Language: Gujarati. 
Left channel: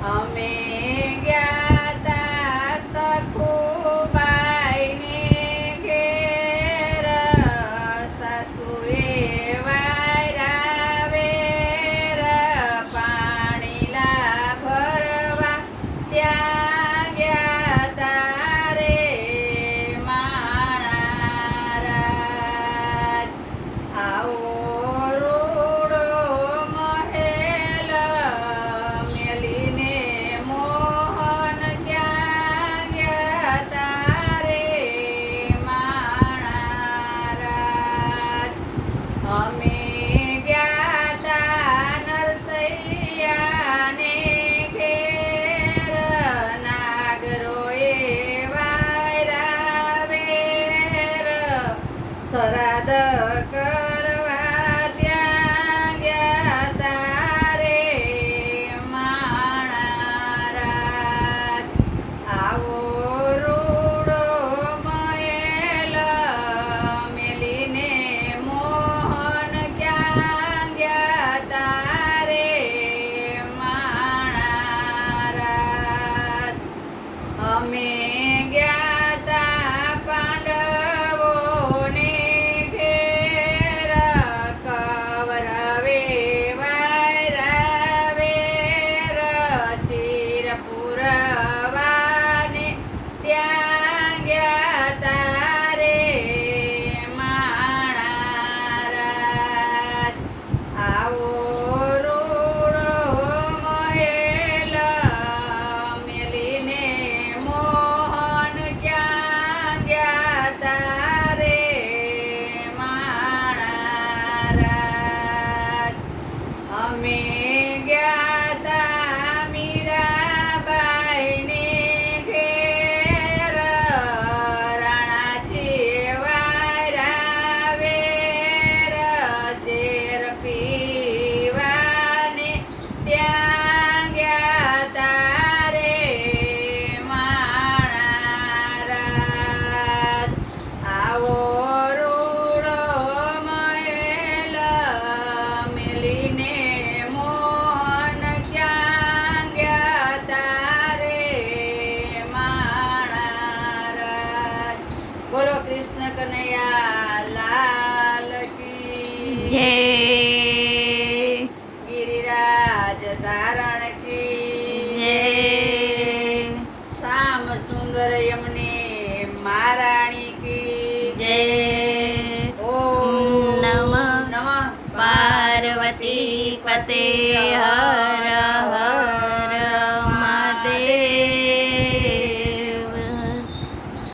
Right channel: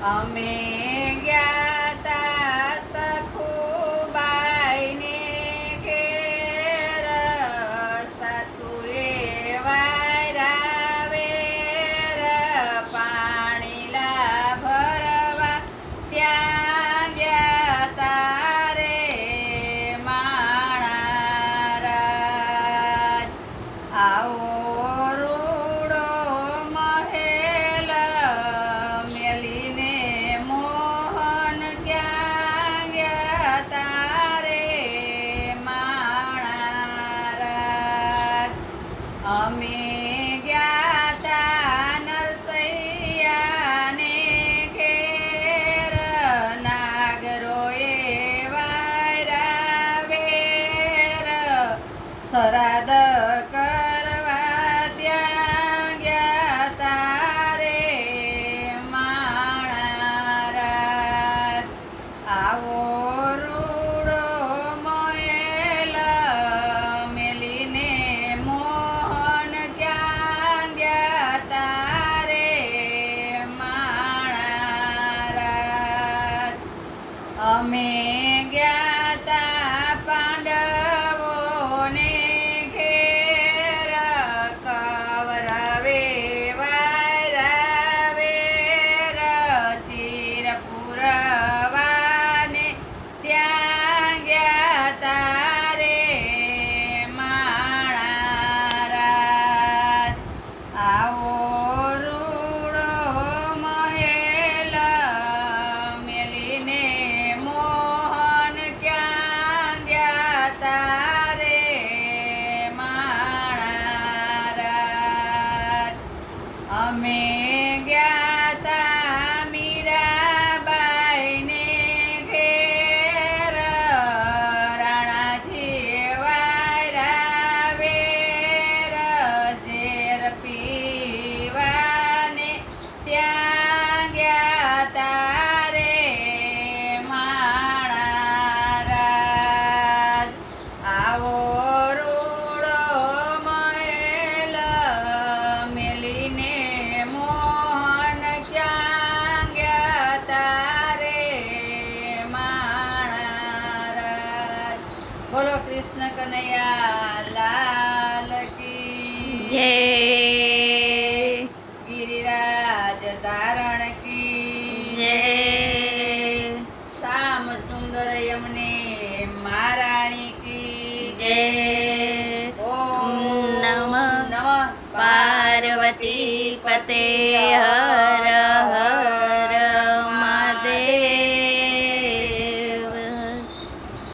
અમે ગયા તા સખુબાઈને ઘેર, સાસુએ વાયરા વેર, પાણીલા ભરવા ત્યાં ગયા તા રે માણા રાજ. આવો રૂડો મહેલ મેલીને મોહન ક્યાં ગયા તા રે માણા રાજ. અમે ગયા તા નરસૈયાને ઘેર, નાગરોએ વાયરા વેર, સરાદ કરવા ત્યાં ગયા તા રે માણા રાજ. આવો રૂડો મહેલ મેલીને મોહન ક્યાં ગયા તા રે માણા રાજ. અમે ગયા તા પાંડવોને ઘેર, કૌરવે વાયરા વેર, ચીર પુરવાને ત્યાં ગયા તા રે માણા રાજ. આવો રૂડો મહેલ મેલીને મોહન ક્યાં ગયા તા રે માણા રાજ. અમે ગયા તા મીરાબાઈને ઘેર, રાણાજી વાયરા વેર, ઝેર પીવાને ત્યાં ગયા તા રે માણા રાજ. આવો રૂડો મહેલ મેલીને મોહન ક્યાં ગયા તા રે માણા રાજ. બોલો કૃષ્ણ કનૈયા લાલ કી જય. ગિરિરાજ ધારણ કી જય. શ્યામ સુંદર યમને મહારાણી કી જય. ઓમ નમઃ નમઃ પાર્વતી પતે હર